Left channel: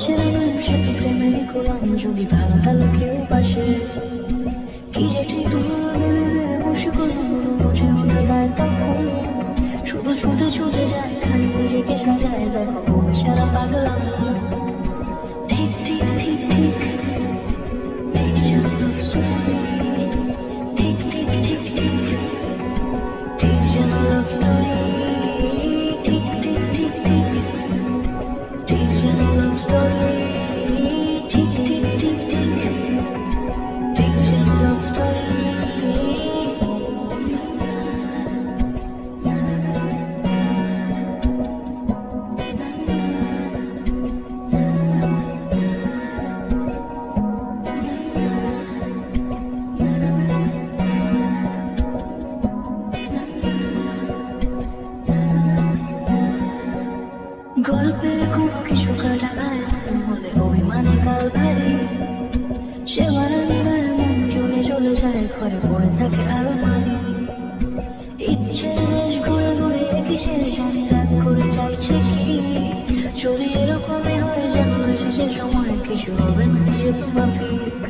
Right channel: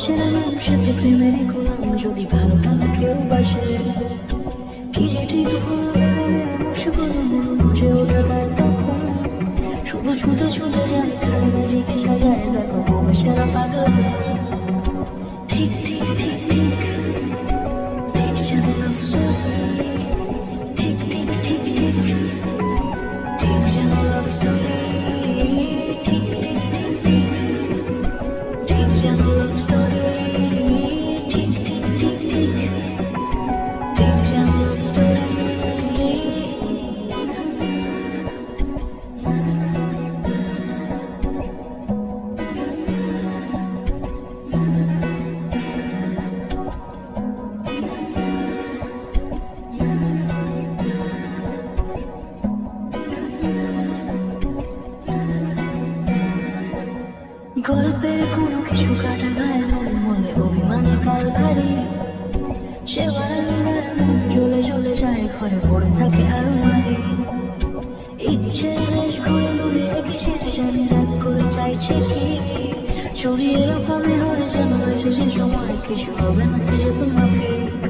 কিসের নাম সাথে প্রেমের কলম যদি ভালোটা কেউ বাসে। কি যে ঠিক বুঝে ওঠা দেয় তখন। শুধু শুধু ছুটে যায় খালি নিজেকে সাজায় দেখো গল্পের কোনো কিছু কাটা ভাই হলে অভিমানে কাল ভারী সে মারানি চলে চলে যায়, ঘরে পড়ে থাকে আলমারি। ইচ্ছে বেশ ঘরে ঘরে রেখে সে জানি রাগ করে চাইছে কি? চুরি এরকমই হয় যেন শেষে সময়, কিছু হবে না এরকম মাফিক।